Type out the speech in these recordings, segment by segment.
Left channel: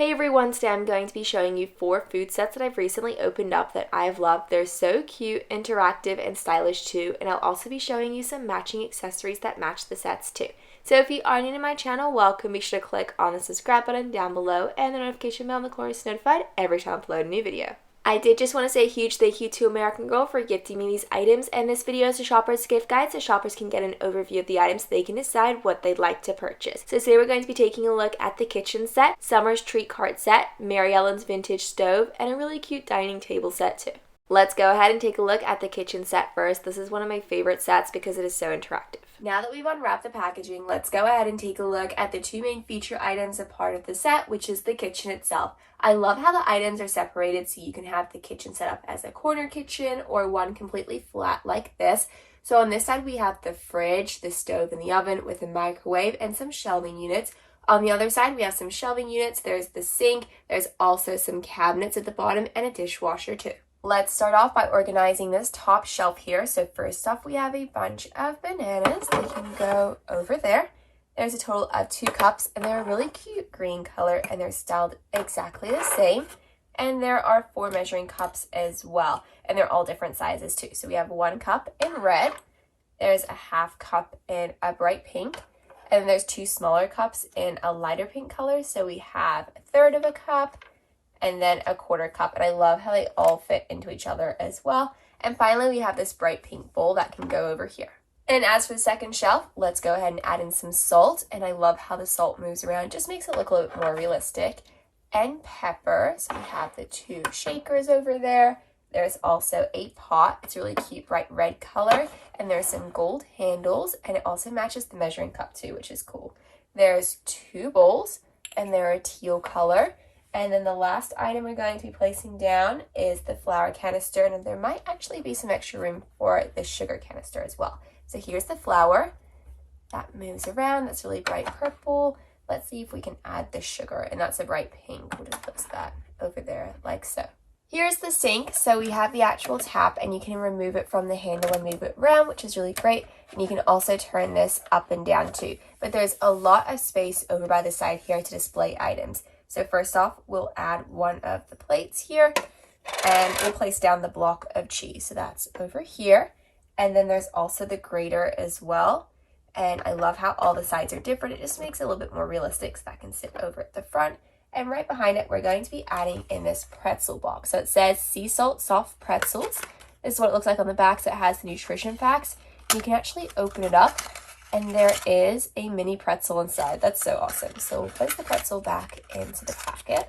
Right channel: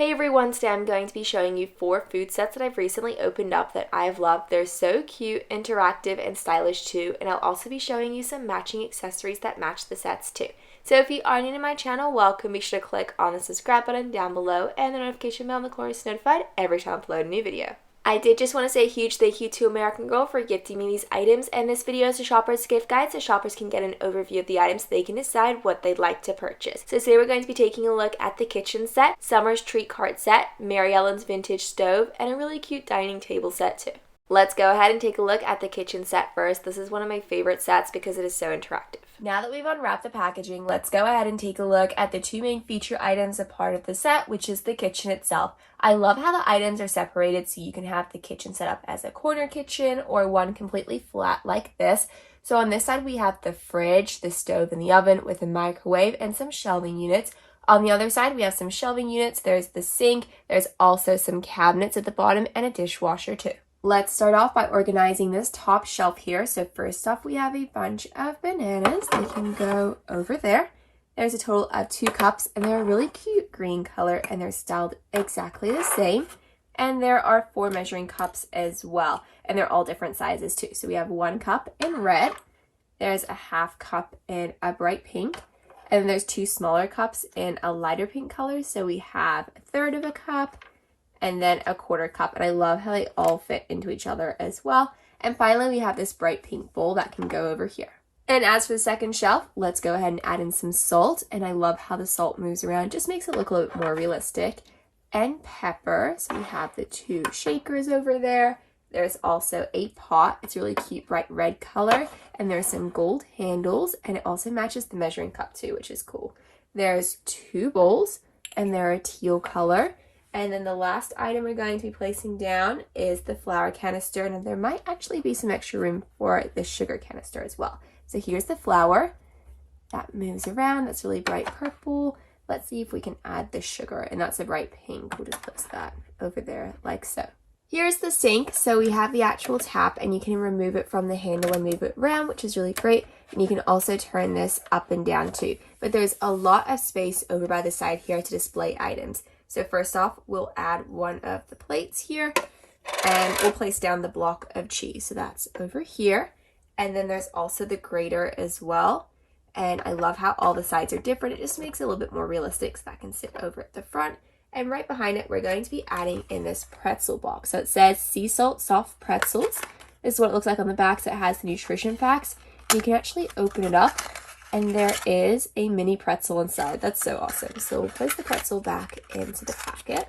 Hey everyone, today I'm going to be showing you 4 food sets that I've recently opened up that I've loved. They're so cute, interactive, and stylish too, and I'll also be showing you some matching accessories that match the sets too. So if you are new to my channel, welcome. Be sure to click on the subscribe button down below and the notification bell in the corner to be notified every time I upload a new video. I did just want to say a huge thank you to American Girl for gifting me these items, and this video is a shopper's gift guide so shoppers can get an overview of the items so they can decide what they'd like to purchase. So today we're going to be taking a look at the kitchen set, Summer's treat cart set, Mary Ellen's vintage stove, and a really cute dining table set too. Let's go ahead and take a look at the kitchen set first. This is one of my favorite sets because it is so interactive. Now that we've unwrapped the packaging, let's go ahead and take a look at the 2 main feature items a part of the set, which is the kitchen itself. I love how the items are separated so you can have the kitchen set up as a corner kitchen or one completely flat like this. So on this side we have the fridge, the stove, and the oven with a microwave and some shelving units. On the other side we have some shelving units, there's the sink, there's also some cabinets at the bottom and a dishwasher too. Let's start off by organizing this top shelf here. So first off, we have a bunch of bananas. They can go over there. There's a total of 2 cups, and they're a really cute green color, and they're styled exactly the same. And there are 4 measuring cups as well, and they're all different sizes too. So we have 1 cup in red. There's a half cup in a bright pink, and then there's 2 smaller cups in a lighter pink color. So we have a third of a cup, and then a quarter cup, and I love how they all fit into each other as well. And finally, we have this bright pink bowl that can go over here. And as for the second shelf, let's go ahead and add in some salt, and I love how the salt moves around, just makes it look a little bit more realistic. And pepper, so we have the 2 shakers over there. There's also a pot, it's a really cute bright red color, and there's some gold handles, and it also matches the measuring cup too, which is cool. There's 2 bowls, and they're a teal color. And then the last item we're going to be placing down is the flour canister, and there might actually be some extra room for the sugar canister as well. So here's the flour. That moves around, that's really bright purple. Let's see if we can add the sugar, and that's a bright pink. We'll just place that over there like so. Here's the sink, so we have the actual tap, and you can remove it from the handle and move it around, which is really great. And you can also turn this up and down too. But there's a lot of space over by the side here to display items. So first off, we'll add one of the plates here, and we'll place down the block of cheese. So that's over here. And then there's also the grater as well. And I love how all the sides are different. It just makes it a little bit more realistic, so that can sit over at the front. And right behind it, we're going to be adding in this pretzel box. So it says sea salt soft pretzels. This is what it looks like on the back. So it has the nutrition facts. You can actually open it up, and there is a mini pretzel inside. That's so awesome. So we'll place the pretzel back into the packet,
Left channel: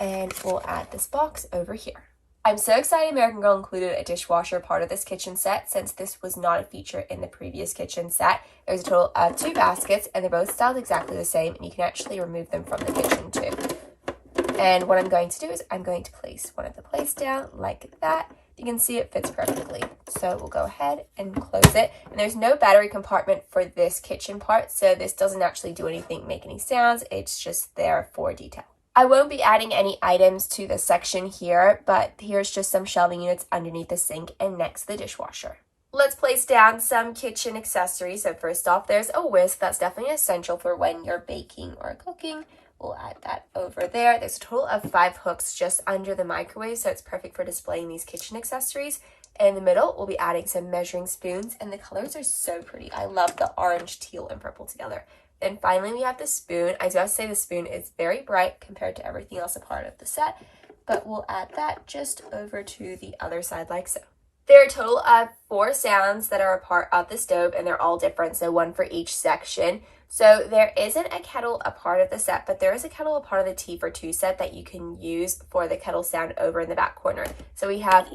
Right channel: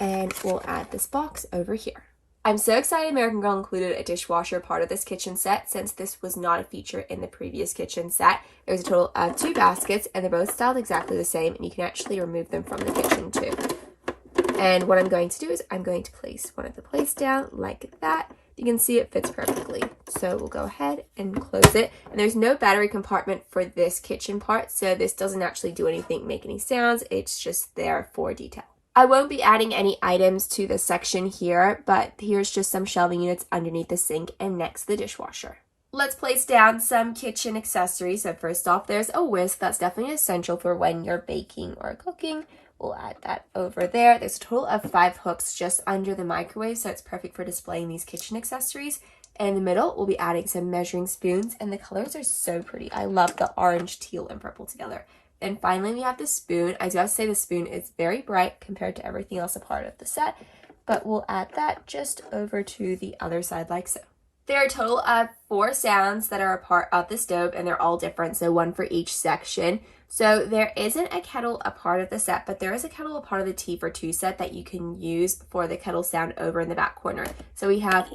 and we'll add this box over here. I'm so excited American Girl included a dishwasher part of this kitchen set, since this was not a feature in the previous kitchen set. There's a total of 2 baskets, and they're both styled exactly the same, and you can actually remove them from the kitchen too. And what I'm going to do is I'm going to place one of the plates down like that. You can see it fits perfectly. So we'll go ahead and close it. And there's no battery compartment for this kitchen part, so this doesn't actually do anything, make any sounds. It's just there for detail. I won't be adding any items to this section here, but here's just some shelving units underneath the sink and next to the dishwasher. Let's place down some kitchen accessories. So first off, there's a whisk. That's definitely essential for when you're baking or cooking. We'll add that over there. There's a total of 5 hooks just under the microwave, so it's perfect for displaying these kitchen accessories. And in the middle, we'll be adding some measuring spoons, and the colors are so pretty. I love the orange, teal, and purple together. And finally, we have the spoon. I do have to say the spoon is very bright compared to everything else a part of the set, but we'll add that just over to the other side like so. There are a total of 4 sounds that are a part of the stove, and they're all different, so 1 for each section. So there isn't a kettle a part of the set, but there is a kettle a part of the Tea for 2 set that you can use for the kettle sound over in the back corner. So we have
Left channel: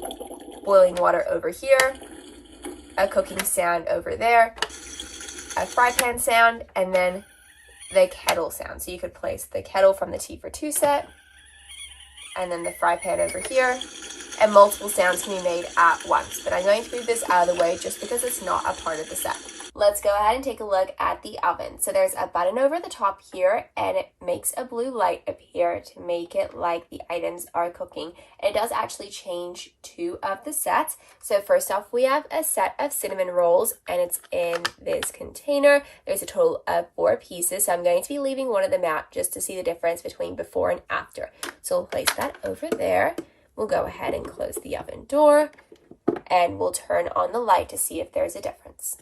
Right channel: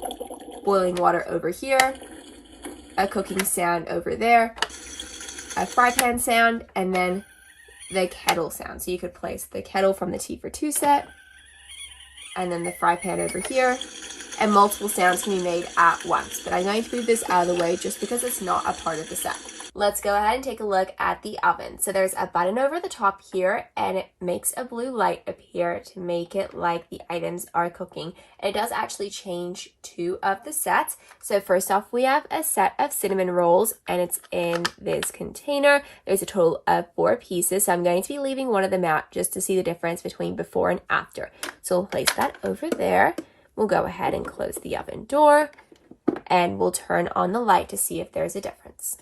boiling water over here, a cooking sound over there, a fry pan sound, and then the kettle sound. So you could place the kettle from the Tea for 2 set, and then the fry pan over here, and multiple sounds can be made at once. But I'm going to move this out of the way just because it's not a part of the set. Let's go ahead and take a look at the oven. So there's a button over the top here, and it makes a blue light appear to make it like the items are cooking. It does actually change 2 of the sets. So first off, we have a set of cinnamon rolls, and it's in this container. There's a total of 4 pieces, so I'm going to be leaving one of them out just to see the difference between before and after. So we'll place that over there. We'll go ahead and close the oven door, and we'll turn on the light to see if there's a difference.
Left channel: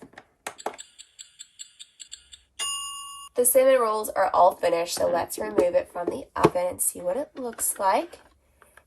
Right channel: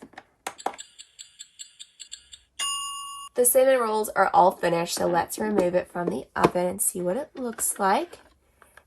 The cinnamon rolls are all finished, so let's remove it from the oven and see what it looks like.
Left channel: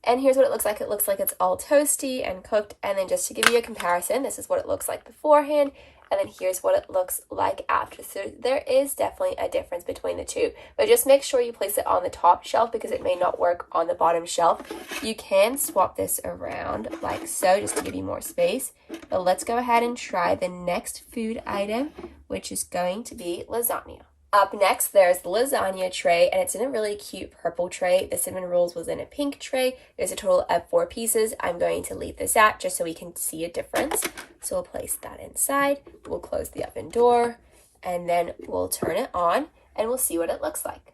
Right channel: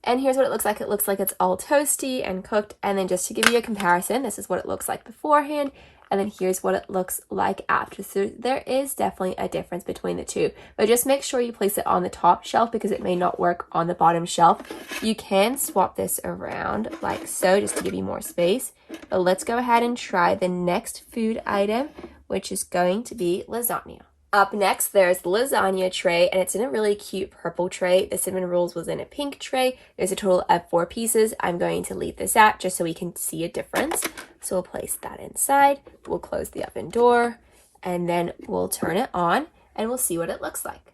And here's what it looks like. It looks like it's all toasty and cooked. And then just to give you a comparison, this is what it looks like beforehand. And then here's what it looks like after. So there is definitely a difference between the two. But just make sure you place it on the top shelf because it may not work on the bottom shelf. You can swap this around like so just to give you more space. But let's go ahead and try the next food item, which is going to be lasagna. Up next, there's the lasagna tray, and it's in a really cute purple tray. The cinnamon rolls was in a pink tray. There's a total of 4 pieces. I'm going to leave this out just so we can see a difference. So we'll place that inside. We'll close the oven door, and then we'll turn it on, and we'll see what it looks like.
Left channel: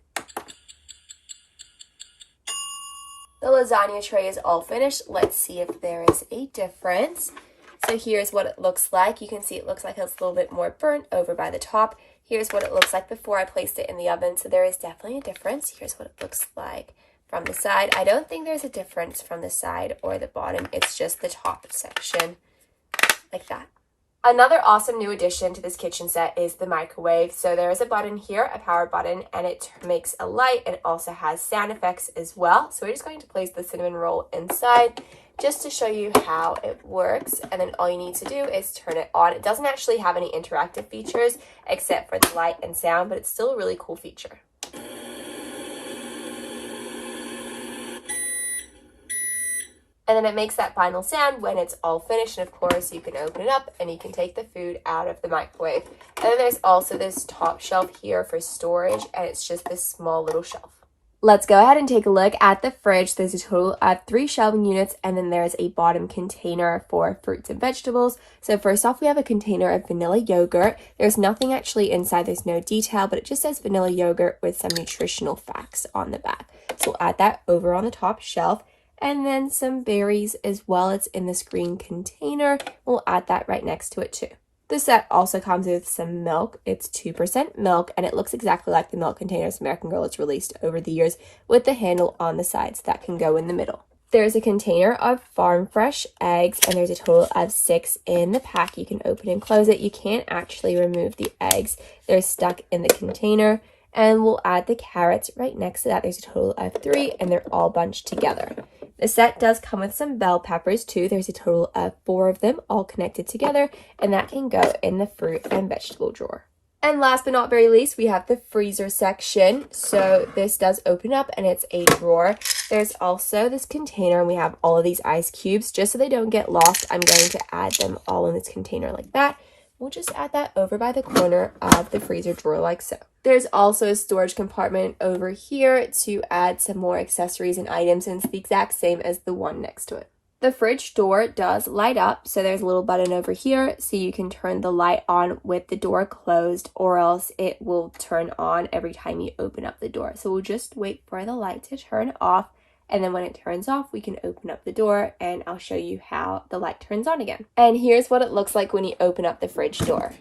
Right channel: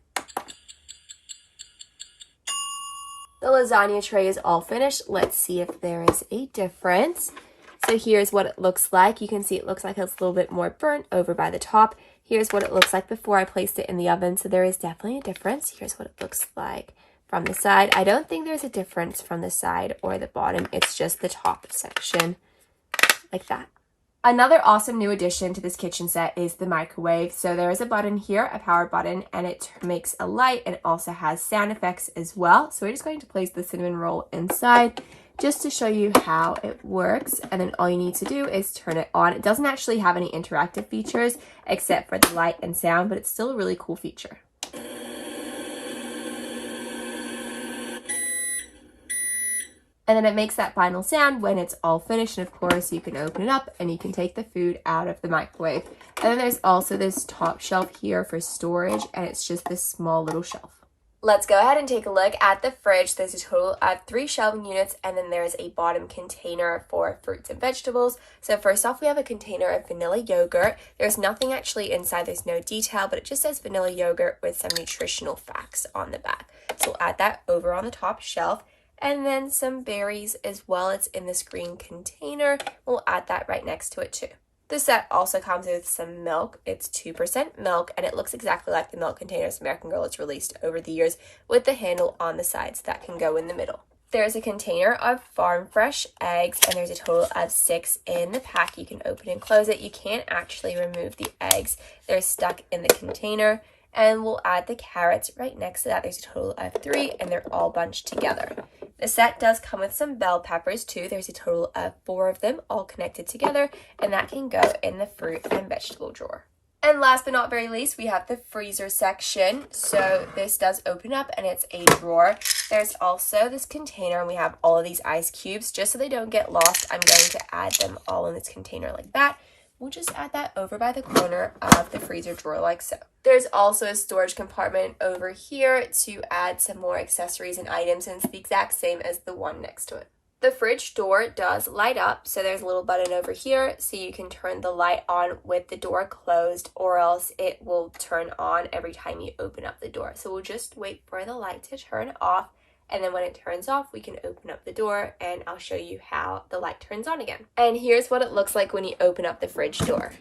The lasagna tray is all finished. Let's see if there is a difference. So here's what it looks like. You can see it looks like it's a little bit more burnt over by the top. Here's what it looks like before I placed it in the oven. So there is definitely a difference. Here's what it looks like from the side. I don't think there's a difference from the side or the bottom. It's just the top section like that. Another awesome new addition to this kitchen set is the microwave. So there is a button here, a power button, and it makes a light, and it also has sound effects as well. So we're just going to place the cinnamon roll inside just to show you how it works, and then all you need to do is turn it on. It doesn't actually have any interactive features except for the light and sound, but it's still a really cool feature. And then it makes that final sound when it's all finished, and of course you can open it up and you can take the food out of the microwave. And then there's also this top shelf here for storage, and it's just this small little shelf. Let's go ahead and take a look at the fridge. There's a total of 3 shelving units, and then there's a bottom container for fruits and vegetables. So first off, we have a container of vanilla yogurt. There's nothing actually inside. There's no detail, but it just says vanilla yogurt with some nutritional facts on the back. So we'll add that over on the top shelf. And then some berries as well. It's in this green container. We'll add that right next to it too. The set also comes with some milk. It's 2% milk, and it looks exactly like the milk containers American Girl has released over the years with the handle on the sides that can go in the middle. There's a container of farm fresh eggs, and there's a total of 6 in the pack. You can open and close it. You can't actually remove the eggs. They're stuck in the container. And we'll add the carrots right next to that. There's a total of 3, and they're all bunched together. The set does come with some bell peppers too. There's a total of 4 of them all connected together, and that can go in the fruit and vegetable drawer. And last but not very least, we have the freezer section. So this does open up, and it's a drawer. There's also this container, and we have all of these ice cubes. Just so they don't get lost, I'm going to add them all in this container like that. We'll just add that over by the corner of the freezer drawer like so. There's also a storage compartment over here to add some more accessories and items, and it's the exact same as the one next to it. The fridge door does light up, so there's a little button over here so you can turn the light on with the door closed, or else it will turn on every time you open up the door. So we'll just wait for the light to turn off, and then when it turns off, we can open up the door, and I'll show you how the light turns on again. And here's what it looks like when you open up the fridge door.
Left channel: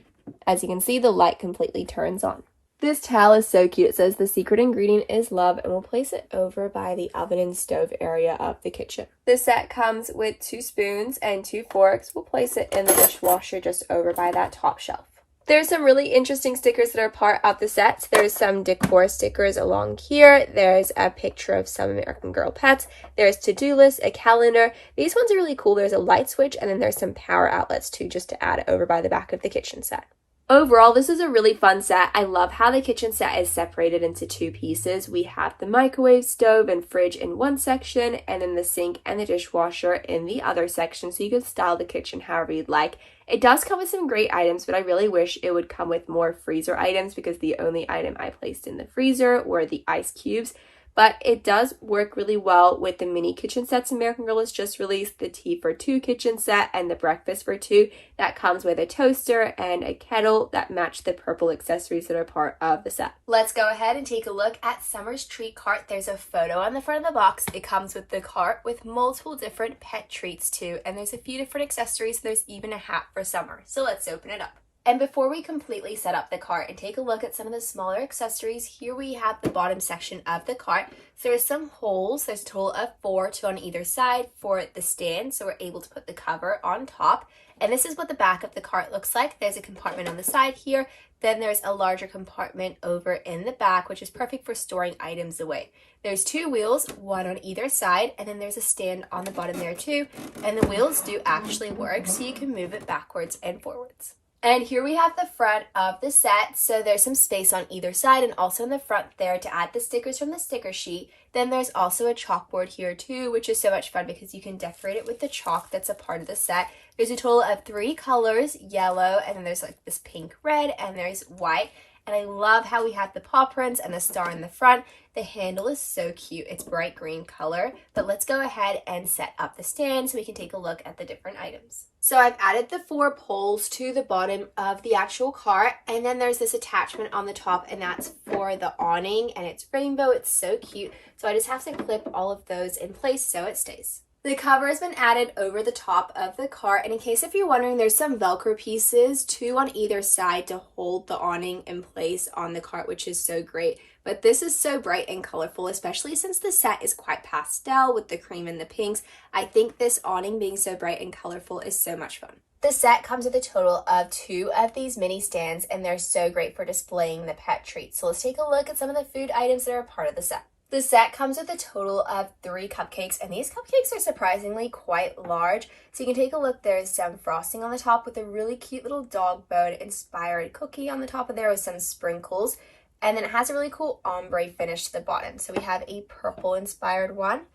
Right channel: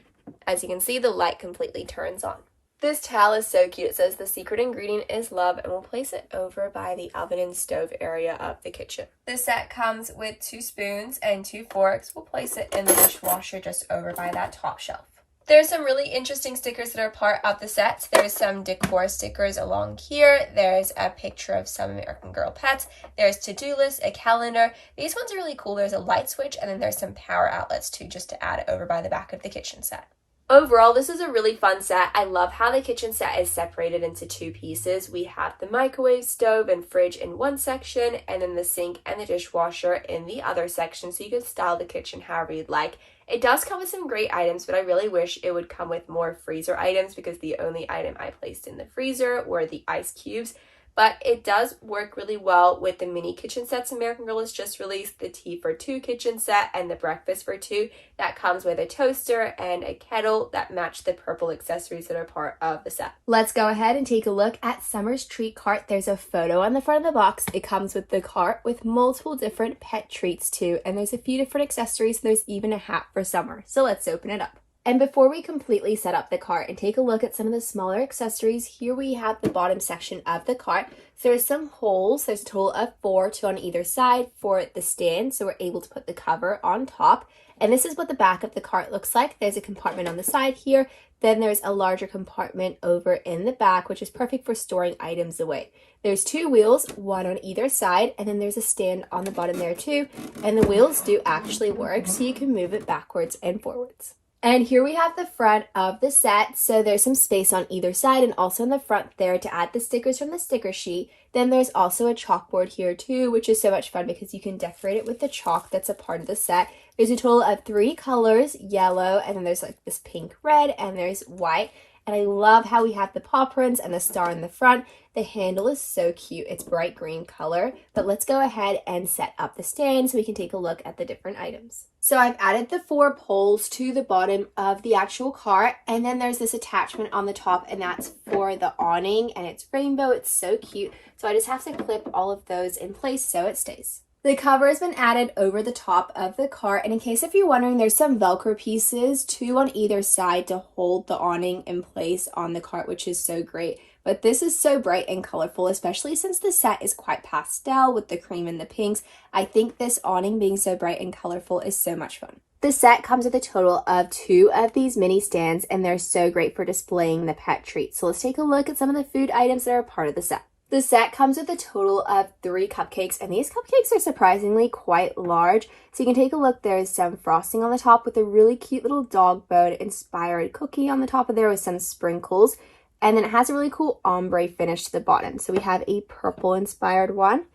As you can see, the light completely turns on. This towel is so cute. It says the secret ingredient is love, and we'll place it over by the oven and stove area of the kitchen. This set comes with 2 spoons and 2 forks. We'll place it in the dishwasher just over by that top shelf. There's some really interesting stickers that are part of the set. There's some decor stickers along here. There's a picture of some American Girl pets. There's to-do lists, a calendar. These ones are really cool. There's a light switch, and then there's some power outlets too, just to add over by the back of the kitchen set. Overall, this is a really fun set. I love how the kitchen set is separated into 2 pieces. We have the microwave, stove, and fridge in one section, and then the sink and the dishwasher in the other section, so you can style the kitchen however you'd like. It does come with some great items, but I really wish it would come with more freezer items because the only item I placed in the freezer were the ice cubes. but it does work really well with the mini kitchen sets American Girl has just released, the tea for two kitchen set and the breakfast for two. That comes with a toaster and a kettle that match the purple accessories that are part of the set. Let's go ahead and take a look at Summer's treat cart. There's a photo on the front of the box. It comes with the cart with multiple different pet treats too, and there's a few different accessories. There's even a hat for Summer. So let's open it up. And before we completely set up the cart and take a look at some of the smaller accessories, here we have the bottom section of the cart. So there's some holes. There's a total of 4, 2 on either side for the stand, so we're able to put the cover on top. And this is what the back of the cart looks like. There's a compartment on the side here. Then there's a larger compartment over in the back, which is perfect for storing items away. There's 2 wheels, 1 on either side, and then there's a stand on the bottom there too. And the wheels do actually work, so you can move it backwards and forwards. And here we have the front of the set. So there's some space on either side and also in the front there to add the stickers from the sticker sheet. Then there's also a chalkboard here too, which is so much fun because you can decorate it with the chalk that's a part of the set. There's a total of 3 colors, yellow, and then there's like this pink red, and there's white. And I love how we have the paw prints and the star in the front. The handle is so cute. It's bright green color. But let's go ahead and set up the stand so we can take a look at the different items. So I've added the 4 poles to the bottom of the actual cart. And then there's this attachment on the top, and that's for the awning. And it's rainbow. It's so cute. So I just have to clip all of those in place so it stays. The cover has been added over the top of the cart, and in case if you're wondering, there's some Velcro pieces, 2 on either side to hold the awning in place on the cart, which is so great. But this is so bright and colorful, especially since the set is quite pastel with the cream and the pinks. I think this awning being so bright and colorful is so much fun. The set comes with a total of 2 of these mini stands, and they're so great for displaying the pet treats. So let's take a look at some of the food items that are part of the set. The set comes with a total of 3 cupcakes, and these cupcakes are surprisingly quite large. So you can take a look. There's some frosting on the top with a really cute little dog bone inspired cookie on the top of there with some sprinkles. And then it has a really cool ombre finish to the bottom. So we have a purple inspired one.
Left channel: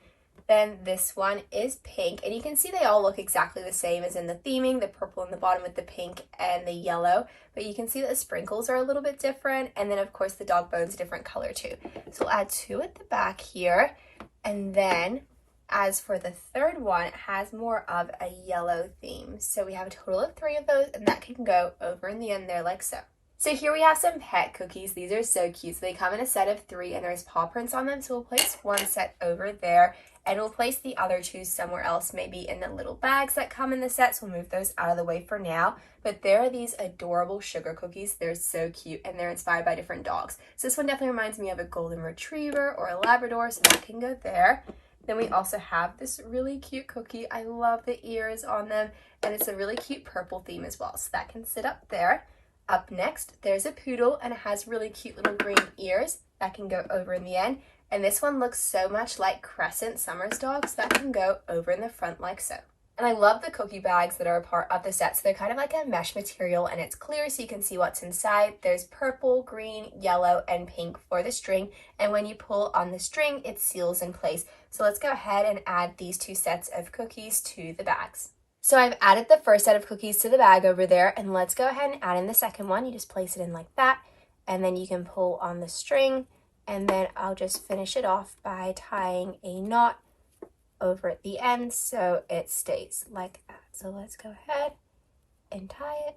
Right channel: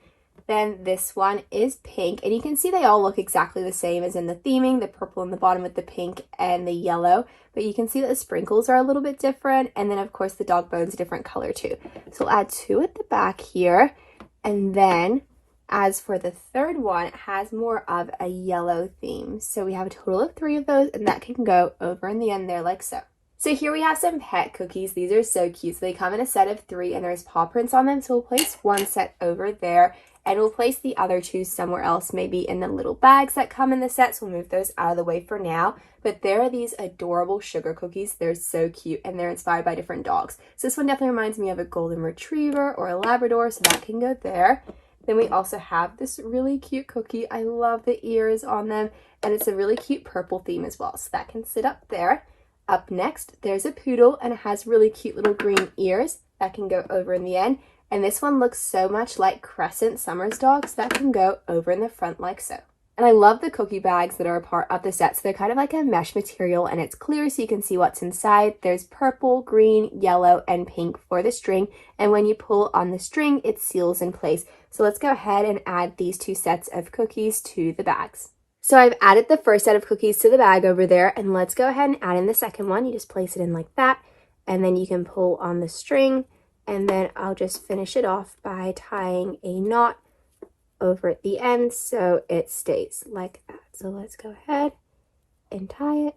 Then this one is pink, and you can see they all look exactly the same as in the theming, the purple in the bottom with the pink and the yellow, but you can see that the sprinkles are a little bit different, and then of course the dog bone's a different color too. So we'll add 2 at the back here, and then as for the third one, it has more of a yellow theme. So we have a total of 3 of those, and that can go over in the end there like so. So here we have some pet cookies. These are so cute. So they come in a set of 3, and there's paw prints on them. So we'll place one set over there, and we'll place the other 2 somewhere else, maybe in the little bags that come in the set. So we'll move those out of the way for now. But there are these adorable sugar cookies. They're so cute, and they're inspired by different dogs. So this one definitely reminds me of a golden retriever or a Labrador, so that can go there. Then we also have this really cute cookie. I love the ears on them, and it's a really cute purple theme as well. So that can sit up there. Up next, there's a poodle, and it has really cute little green ears. That can go over in the end. And this one looks so much like Crescent Summer's dog, so that can go over in the front like so. And I love the cookie bags that are a part of the set. So they're kind of like a mesh material, and it's clear so you can see what's inside. There's purple, green, yellow, and pink for the string. And when you pull on the string, it seals in place. So let's go ahead and add these 2 sets of cookies to the bags. So I've added the first set of cookies to the bag over there, and let's go ahead and add in the second one. You just place it in like that, and then you can pull on the string, and then I'll just finish it off by tying a knot over at the end so it stays like that. So let's go ahead and tie it.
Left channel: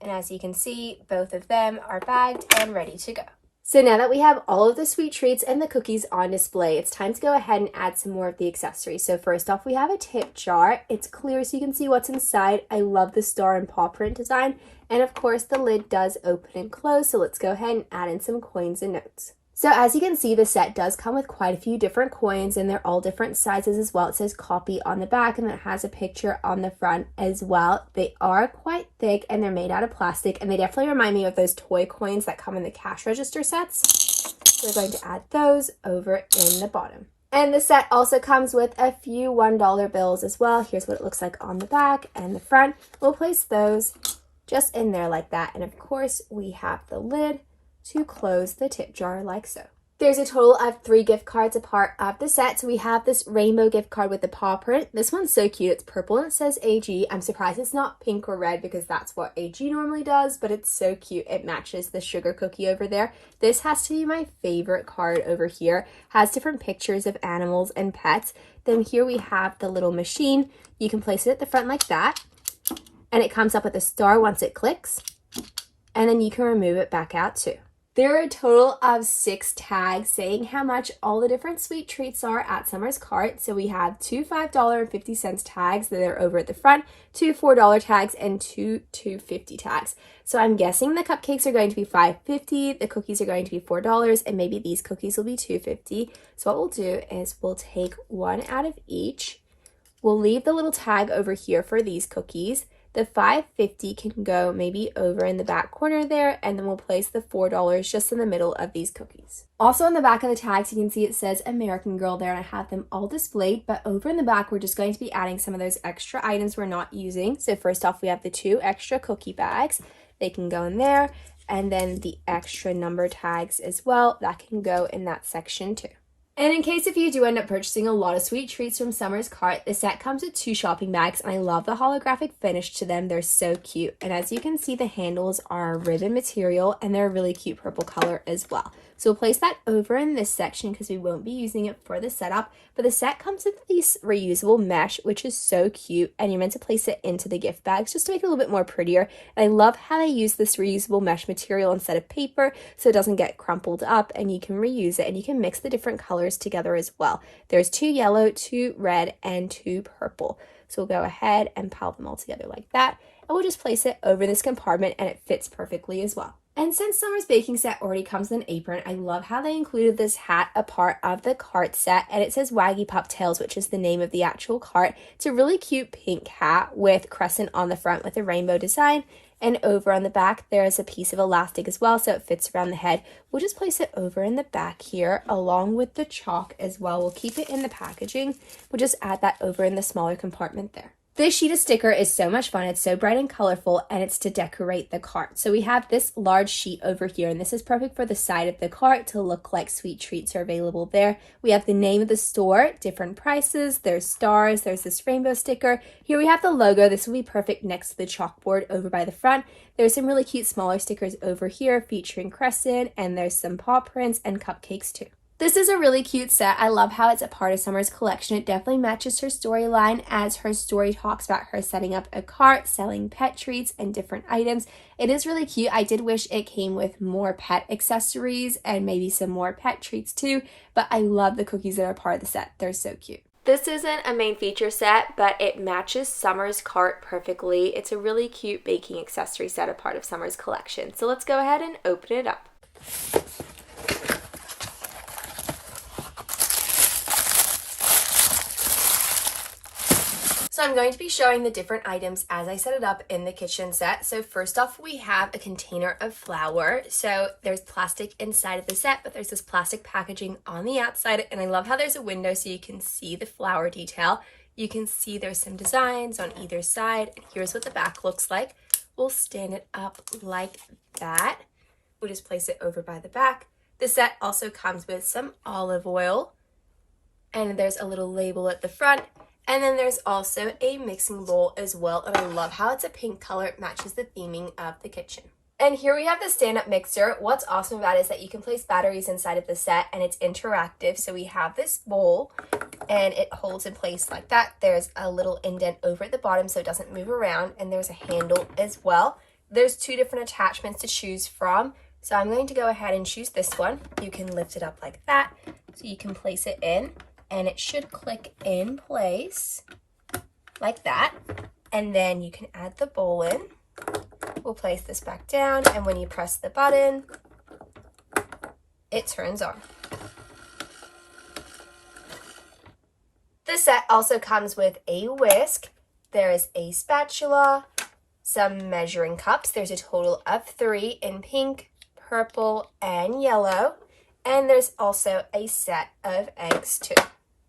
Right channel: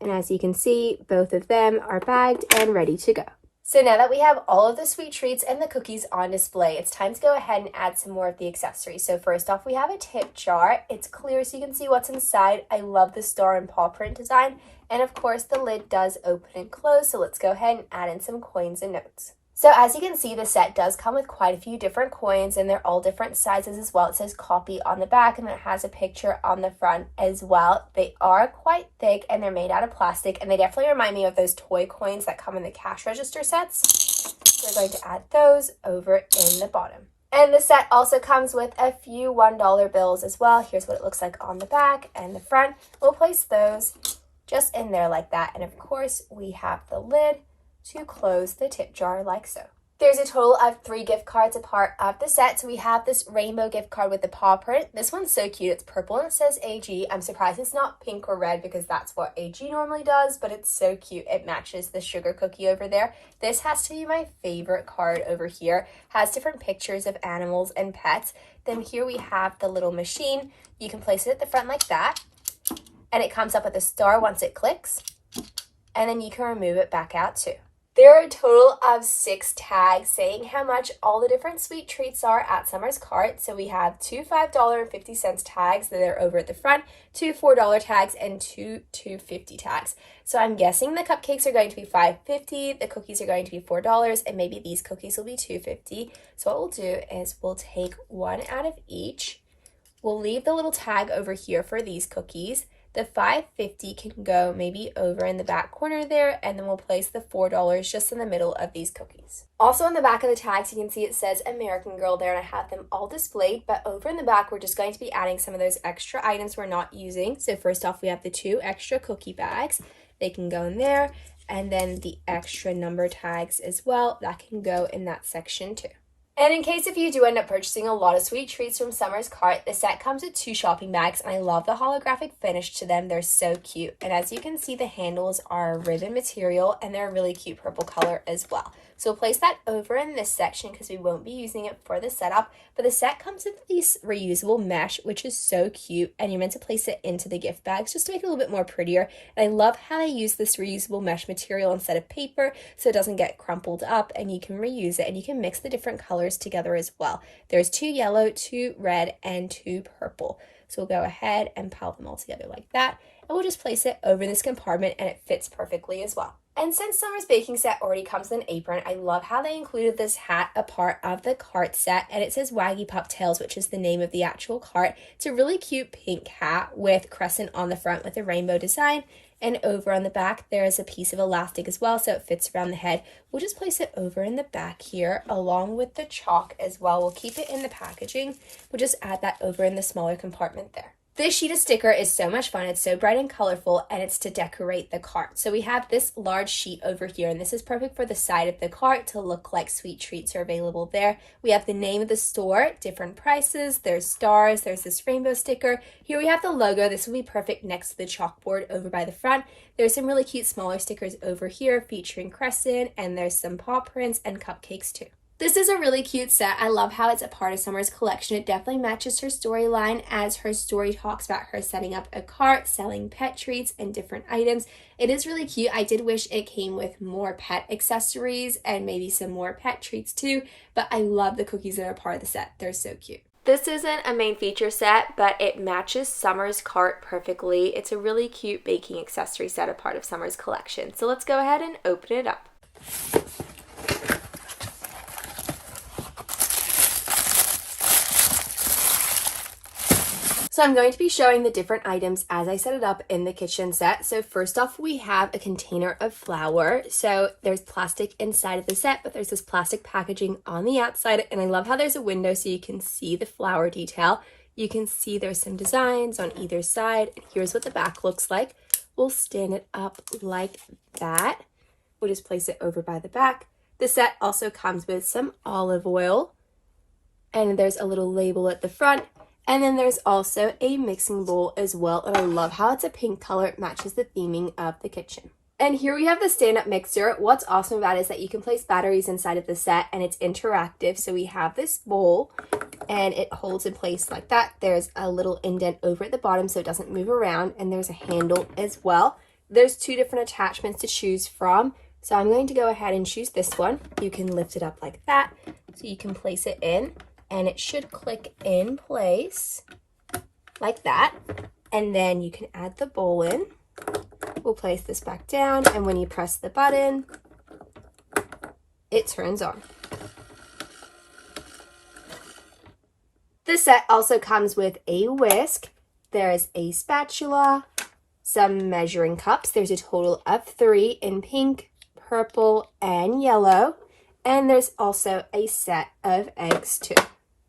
And as you can see, both of them are bagged and ready to go. So now that we have all of the sweet treats and the cookies on display, it's time to go ahead and add some more of the accessories. So first off, we have a tip jar. It's clear so you can see what's inside. I love the star and paw print design. And of course, the lid does open and close. So let's go ahead and add in some coins and notes. So as you can see, the set does come with quite a few different coins, and they're all different sizes as well. It says copy on the back, and then it has a picture on the front as well. They are quite thick, and they're made out of plastic, and they definitely remind me of those toy coins that come in the cash register sets. So we're going to add those over in the bottom. And the set also comes with a few $1 bills as well. Here's what it looks like on the back and the front. We'll place those just in there like that. And of course, we have the lid to close the tip jar like so. There's a total of 3 gift cards a part of the set. So we have this rainbow gift card with the paw print. This one's so cute. It's purple and it says AG. I'm surprised it's not pink or red because that's what AG normally does, but it's so cute. It matches the sugar cookie over there. This has to be my favorite card over here. Has different pictures of animals and pets. Then here we have the little machine. You can place it at the front like that, and it comes up with a star once it clicks, and then you can remove it back out too. There are a total of 6 tags saying how much all the different sweet treats are at Summer's Cart. So we have 2 $5.50 tags that are over at the front, 2 $4 tags, and 2 $2.50 tags. So I'm guessing the cupcakes are going to be $5.50, the cookies are going to be $4, and maybe these cookies will be $2.50. So what we'll do is we'll take one out of each. We'll leave the little tag over here for these cookies. The $5.50 can go maybe over in the back corner there, and then we'll place the $4 just in the middle of these cookies. Also on the back of the tags, you can see it says American Girl there, and I have them all displayed, but over in the back, we're just going to be adding some of those extra items we're not using. So first off, we have the 2 extra cookie bags. They can go in there, and then the extra number tags as well, that can go in that section too. And in case if you do end up purchasing a lot of sweet treats from Summer's Cart, the set comes with 2 shopping bags, and I love the holographic finish to them. They're so cute. And as you can see, the handles are ribbon material, and they're a really cute purple color as well. So we'll place that over in this section because we won't be using it for the setup. But the set comes with these reusable mesh, which is so cute, and you're meant to place it into the gift bags just to make it a little bit more prettier. And I love how they use this reusable mesh material instead of paper so it doesn't get crumpled up, and you can reuse it, and you can mix the different colors together as well. There's 2 yellow, 2 red, and 2 purple. So we'll go ahead and pile them all together like that, and we'll just place it over this compartment, and it fits perfectly as well. And since Summer's baking set already comes with an apron, I love how they included this hat a part of the cart set, and it says Waggy Pup Tails, which is the name of the actual cart. It's a really cute pink hat with crescent on the front with a rainbow design, and over on the back there is a piece of elastic as well, so it fits around the head. We'll just place it over in the back here along with the chalk as well. We'll keep it in the packaging. We'll just add that over in the smaller compartment there. This sheet of sticker is so much fun. It's so bright and colorful, and it's to decorate the cart. So we have this large sheet over here, and this is perfect for the side of the cart to look like sweet treats are available there. We have the name of the store, different prices, there's stars, there's this rainbow sticker. Here we have the logo. This will be perfect next to the chalkboard over by the front. There's some really cute smaller stickers over here featuring crescent, and there's some paw prints and cupcakes too. This is a really cute set. I love how it's a part of Summer's collection. It definitely matches her storyline as her story talks about her setting up a cart, selling pet treats, and different items. It is really cute. I did wish it came with more pet accessories and maybe some more pet treats too, but I love the cookies that are part of the set. They're so cute. This isn't a main feature set, but it matches Summer's cart perfectly. It's a really cute baking accessory set, a part of Summer's collection. So let's go ahead and open it up. So I'm going to be showing the different items as I set it up in the kitchen set. So first off, we have a container of flour. So there's plastic inside of the set, but there's this plastic packaging on the outside. And I love how there's a window so you can see the flour detail. You can see there's some designs on either side. And here's what the back looks like. We'll stand it up like that. We'll just place it over by the back. The set also comes with some olive oil. And there's a little label at the front. And then there's also a mixing bowl as well, and I love how it's a pink color. It matches the theming of the kitchen. And here we have the stand-up mixer. What's awesome about it is that you can place batteries inside of the set, and it's interactive. So we have this bowl, and it holds in place like that. There's a little indent over at the bottom so it doesn't move around, and there's a handle as well. There's 2 different attachments to choose from. So I'm going to go ahead and choose this one. You can lift it up like that, so you can place it in. And it should click in place like that. And then you can add the bowl in. We'll place this back down, and when you press the button, it turns on. The set also comes with a whisk. There is a spatula, some measuring cups. There's a total of 3 in pink, purple, and yellow. And there's also a set of eggs too.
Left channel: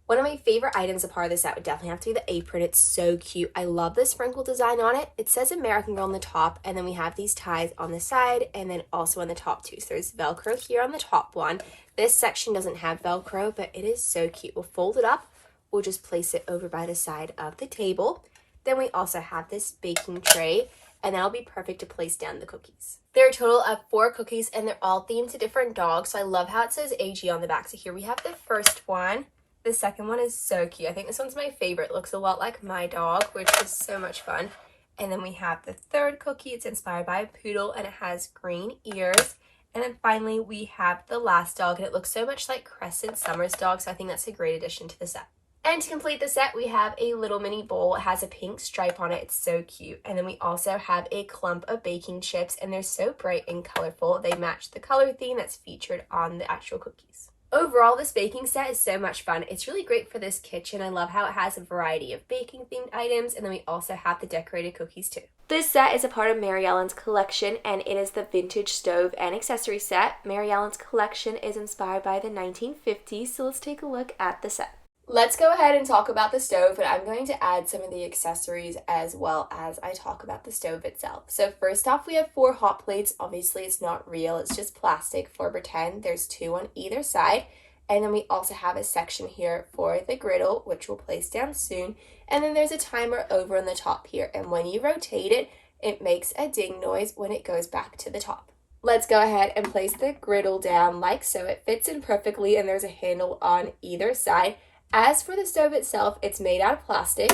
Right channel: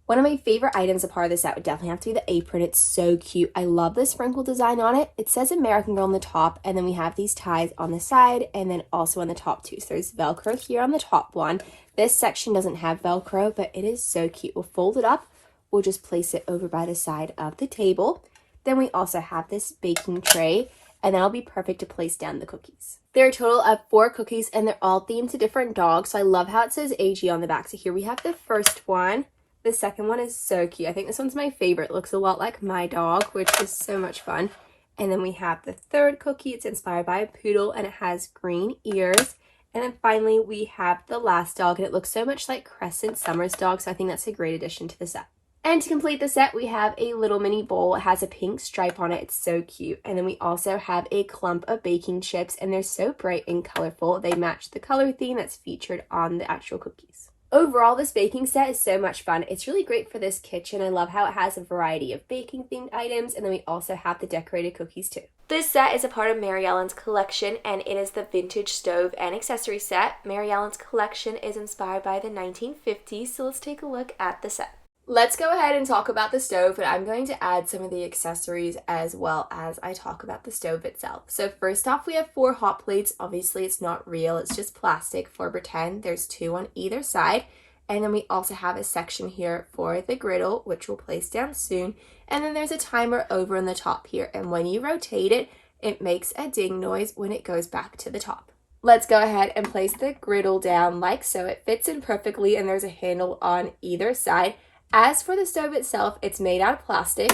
One of my favorite items a part of this set would definitely have to be the apron. It's so cute. I love the sprinkle design on it. It says American Girl on the top, and then we have these ties on the side and then also on the top too. So there's Velcro here on the top one. This section doesn't have Velcro, but it is so cute. We'll fold it up. We'll just place it over by the side of the table. Then we also have this baking tray, and that'll be perfect to place down the cookies. There are a total of 4 cookies, and they're all themed to different dogs. So I love how it says AG on the back. So here we have the first one. The second one is so cute. I think this one's my favorite. It looks a lot like my dog, which is so much fun. And then we have the third cookie. It's inspired by a poodle, and it has green ears. And then finally, we have the last dog, and it looks so much like Crescent Summer's dog, so I think that's a great addition to the set. And to complete the set, we have a little mini bowl. It has a pink stripe on it. It's so cute. And then we also have a clump of baking chips, and they're so bright and colorful. They match the color theme that's featured on the actual cookies. Overall, this baking set is so much fun. It's really great for this kitchen. I love how it has a variety of baking themed items, and then we also have the decorated cookies too. This set is a part of Mary Ellen's collection, and it is the vintage stove and accessory set. Mary Ellen's collection is inspired by the 1950s, so let's take a look at the set. Let's go ahead and talk about the stove, and I'm going to add some of the accessories as well as I talk about the stove itself. So first off, we have 4 hot plates. Obviously, it's not real. It's just plastic for pretend. There's 2 on either side. And then we also have a section here for the griddle, which we'll place down soon. And then there's a timer over on the top here. And when you rotate it, it makes a ding noise when it goes back to the top. Let's go ahead and place the griddle down like so. It fits in perfectly, and there's a handle on either side. As for the stove itself, it's made out of plastic,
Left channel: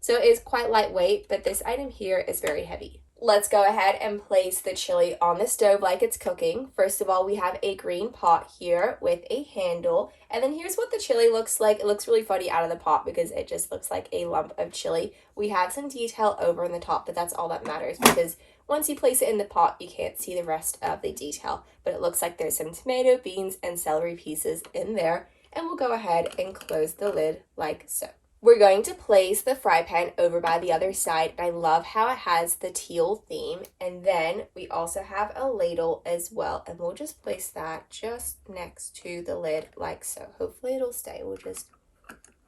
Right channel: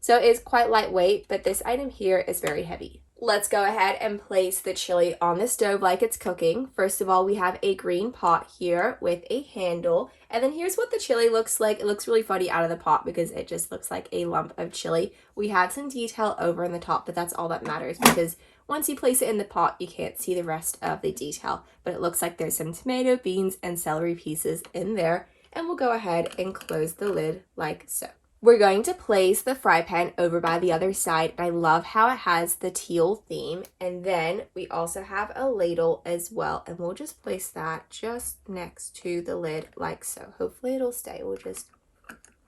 so it's quite lightweight, but this item here is very heavy. Let's go ahead and place the chili on the stove like it's cooking. First of all, we have a green pot here with a handle, and then here's what the chili looks like. It looks really funny out of the pot because it just looks like a lump of chili. We have some detail over in the top, but that's all that matters because once you place it in the pot, you can't see the rest of the detail, but it looks like there's some tomato, beans, and celery pieces in there. And we'll go ahead and close the lid like so. We're going to place the fry pan over by the other side, and I love how it has the teal theme. And then we also have a ladle as well, and we'll just place that just next to the lid like so. Hopefully it'll stay. We'll just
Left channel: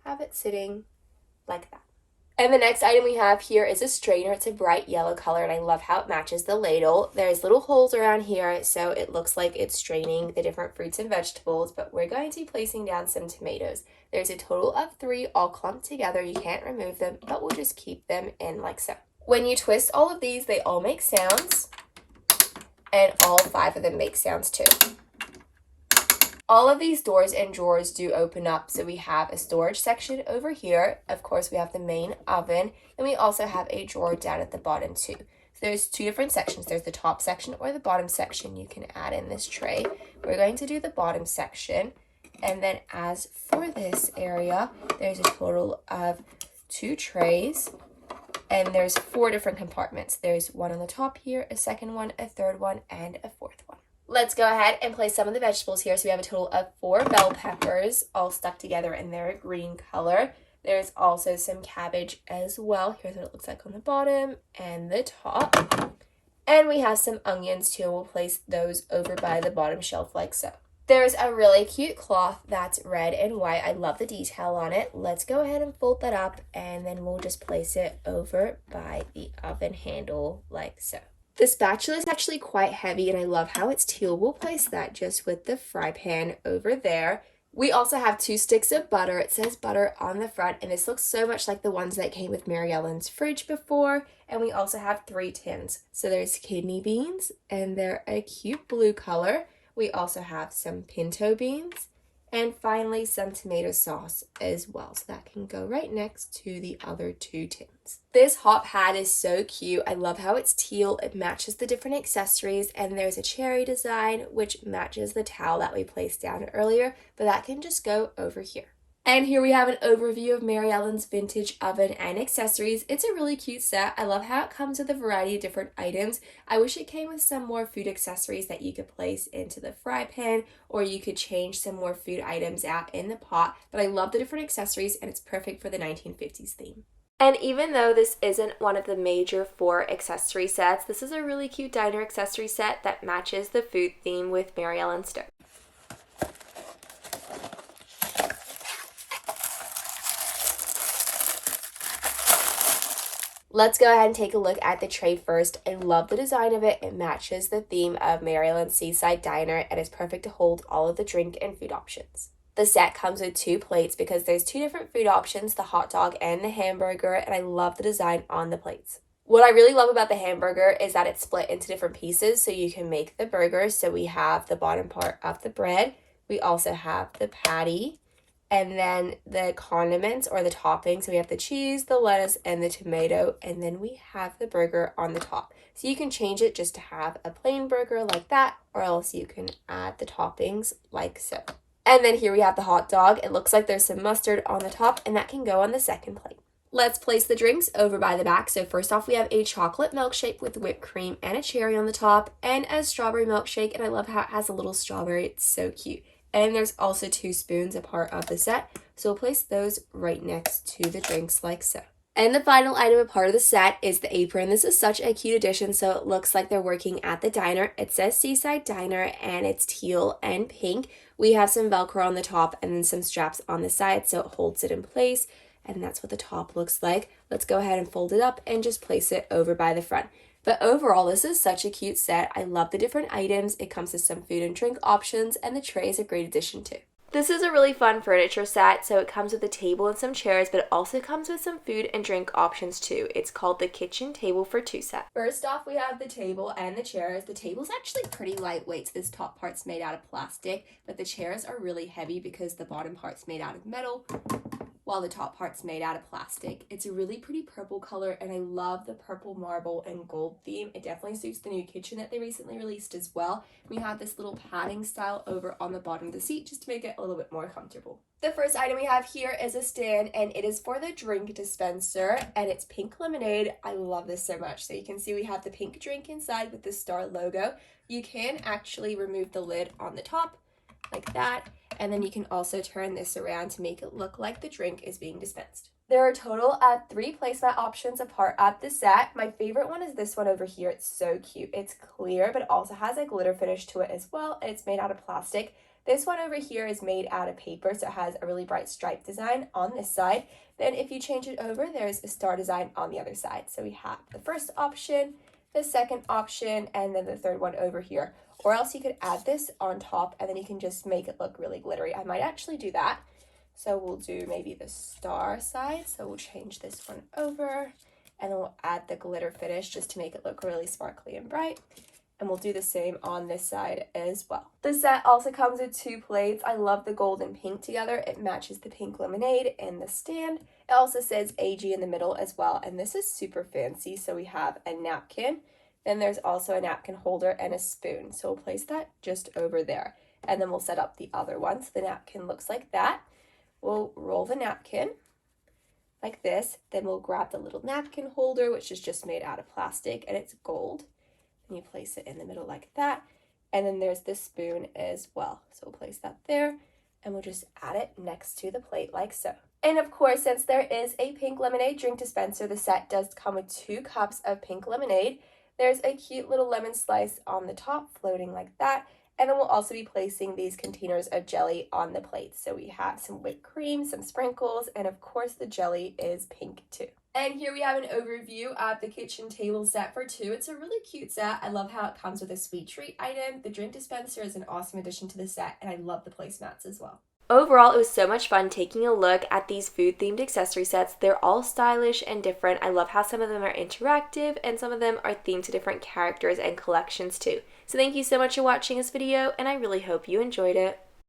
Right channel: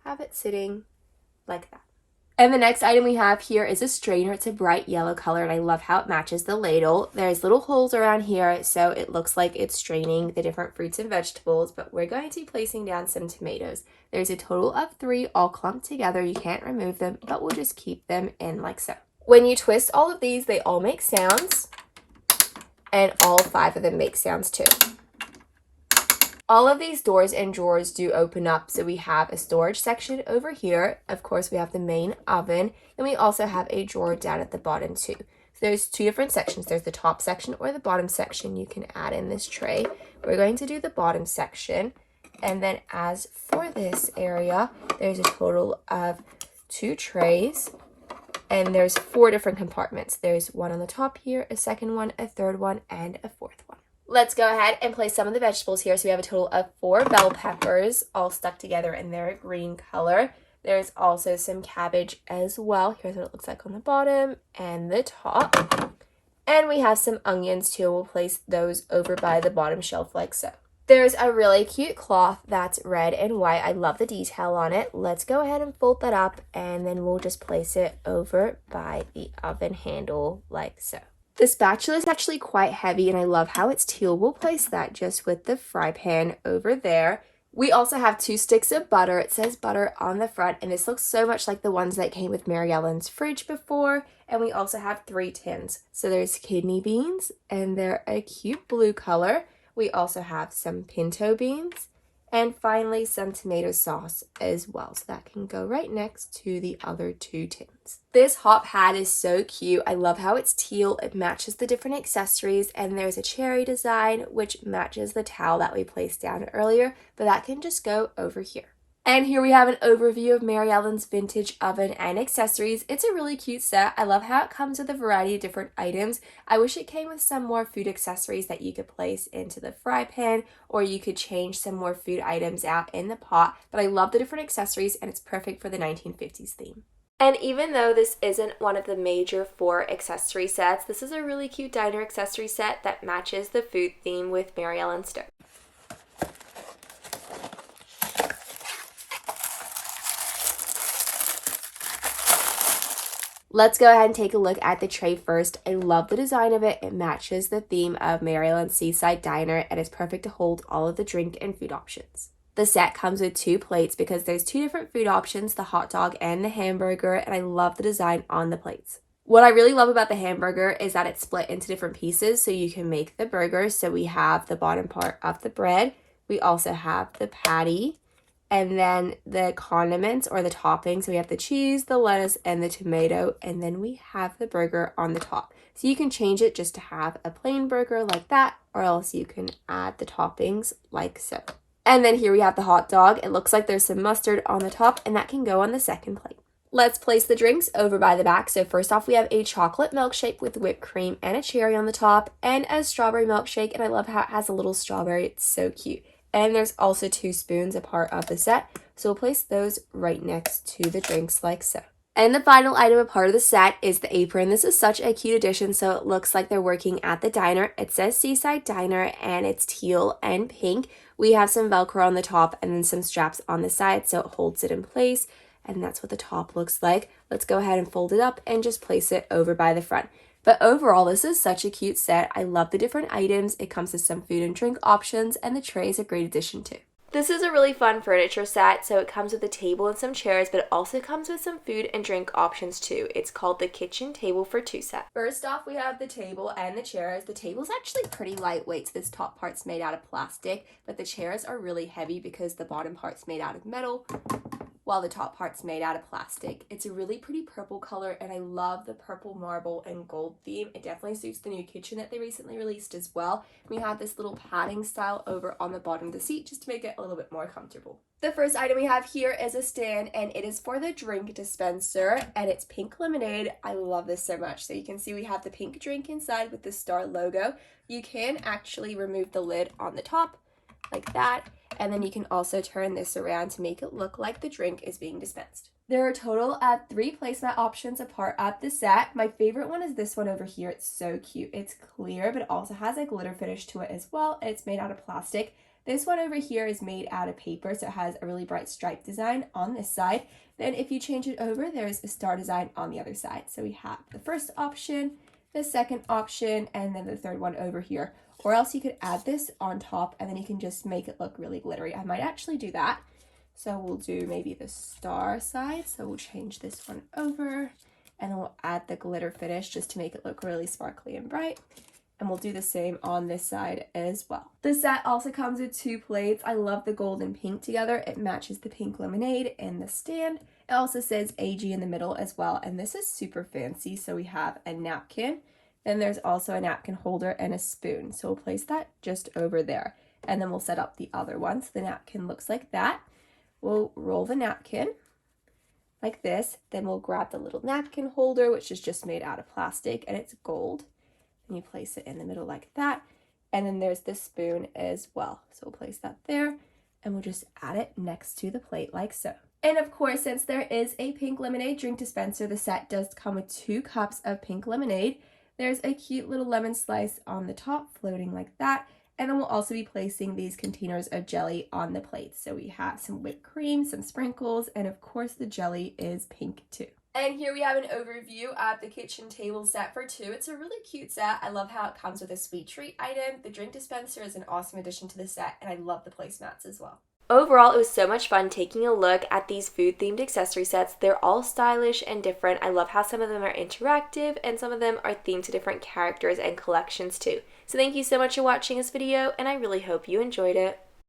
have it sitting like that. And the next item we have here is a strainer. It's a bright yellow color, and I love how it matches the ladle. There's little holes around here, so it looks like it's straining the different fruits and vegetables, but we're going to be placing down some tomatoes. There's a total of 3 all clumped together. You can't remove them, but we'll just keep them in like so. When you twist all of these, they all make sounds, and all 5 of them make sounds too. All of these doors and drawers do open up, so we have a storage section over here. Of course, we have the main oven, and we also have a drawer down at the bottom too. So there's 2 different sections. There's the top section or the bottom section. You can add in this tray. We're going to do the bottom section, and then as for this area, there's a total of 2 trays, and there's 4 different compartments. There's one on the top here, a second one, a third one, and a fourth one. Let's go ahead and place some of the vegetables here. So we have a total of 4 bell peppers all stuck together in their green color. There's also some cabbage as well. Here's what it looks like on the bottom and the top. And we have some onions too. We'll place those over by the bottom shelf like so. There's a really cute cloth that's red and white. I love the detail on it. Let's go ahead and fold that up, and then we'll just place it over by the oven handle like so. The spatula is actually quite heavy, and I love how it's teal. We'll place that just with the fry pan over there. We also have 2 sticks of butter. It says butter on the front, and this looks so much like the ones that came with Mary Ellen's fridge before. And we also have 3 tins. So there's kidney beans, and they're a cute blue color. We also have some pinto beans, and finally some tomato sauce as well. So that can go right next to the other 2 tins. This hot pad is so cute. I love how it's teal. It matches the different accessories, and there's a cherry design which matches the towel that we placed down earlier, but that can just go over here. And here we have an overview of Mary Ellen's vintage oven and accessories. It's a really cute set. I love how it comes with a variety of different items. I wish it came with some more food accessories that you could place into the fry pan, or you could change some more food items out in the pot. But I love the different accessories, and it's perfect for the 1950s theme. And even though this isn't one of the major 4 accessory sets, this is a really cute diner accessory set that matches the food theme with Mary Ellen's stove. Let's go ahead and take a look at the tray first. I love the design of it. It matches the theme of Maryland Seaside Diner and is perfect to hold all of the drink and food options. The set comes with 2 plates because there's 2 different food options, the hot dog and the hamburger, and I love the design on the plates. What I really love about the hamburger is that it's split into different pieces so you can make the burger. So we have the bottom part of the bread. We also have the patty and then the condiments or the toppings. So we have the cheese, the lettuce, and the tomato, and then we have the burger on the top. So you can change it just to have a plain burger like that, or else you can add the toppings like so. And then here we have the hot dog. It looks like there's some mustard on the top, and that can go on the second plate. Let's place the drinks over by the back. So first off, we have a chocolate milkshake with whipped cream and a cherry on the top, and a strawberry milkshake, and I love how it has a little strawberry. It's so cute. And there's also 2 spoons a part of the set, so we'll place those right next to the drinks like so. And the final item a part of the set is the apron. This is such a cute addition, so it looks like they're working at the diner. It says Seaside Diner, and it's teal and pink. We have some Velcro on the top and then some straps on the side, so it holds it in place. And that's what the top looks like. Let's go ahead and fold it up and just place it over by the front. But overall, this is such a cute set. I love the different items. It comes with some food and drink options, and the tray is a great addition too. This is a really fun furniture set, so it comes with a table and some chairs, but it also comes with some food and drink options too. It's called the Kitchen Table for 2 set. First off, we have the table and the chairs. The table's actually pretty lightweight, so this top part's made out of plastic, but the chairs are really heavy because the bottom part's made out of metal, while the top part's made out of plastic. It's a really pretty purple color, and I love the purple marble and gold theme. It definitely suits the new kitchen that they recently released as well. We have this little padding style over on the bottom of the seat just to make it a little bit more comfortable. The first item we have here is a stand, and it is for the drink dispenser, and it's pink lemonade. I love this so much. So you can see we have the pink drink inside with the star logo. You can actually remove the lid on the top like that, and then you can also turn this around to make it look like the drink is being dispensed. There are a total of 3 placemat options a part of the set. My favorite one is this one over here. It's so cute. It's clear, but it also has a glitter finish to it as well. It's made out of plastic. This one over here is made out of paper, so it has a really bright stripe design on this side. Then if you change it over, there's a star design on the other side. So we have the first option, the second option, and then the third one over here. Or else you could add this on top and then you can just make it look really glittery. I might actually do that. So we'll do maybe the star side. So we'll change this one over and then we'll add the glitter finish just to make it look really sparkly and bright. And we'll do the same on this side as well. The set also comes with 2 plates. I love the gold and pink together. It matches the pink lemonade in the stand. It also says AG in the middle as well. And this is super fancy. So we have a napkin. Then there's also a napkin holder and a spoon. So we'll place that just over there. And then we'll set up the other one. So the napkin looks like that. We'll roll the napkin like this. Then we'll grab the little napkin holder, which is just made out of plastic and it's gold. And you place it in the middle like that. And then there's the spoon as well. So we'll place that there and we'll just add it next to the plate like so. And of course, since there is a pink lemonade drink dispenser, the set does come with 2 cups of pink lemonade. There's a cute little lemon slice on the top floating like that. And then we'll also be placing these containers of jelly on the plate. So we have some whipped cream, some sprinkles, and of course the jelly is pink too. And here we have an overview of the kitchen table set for 2. It's a really cute set. I love how it comes with a sweet treat item. The drink dispenser is an awesome addition to the set, and I love the placemats as well. Overall, it was so much fun taking a look at these food-themed accessory sets. They're all stylish and different. I love how some of them are interactive and some of them are themed to different characters and collections too. So thank you so much for watching this video, and I really hope you enjoyed it.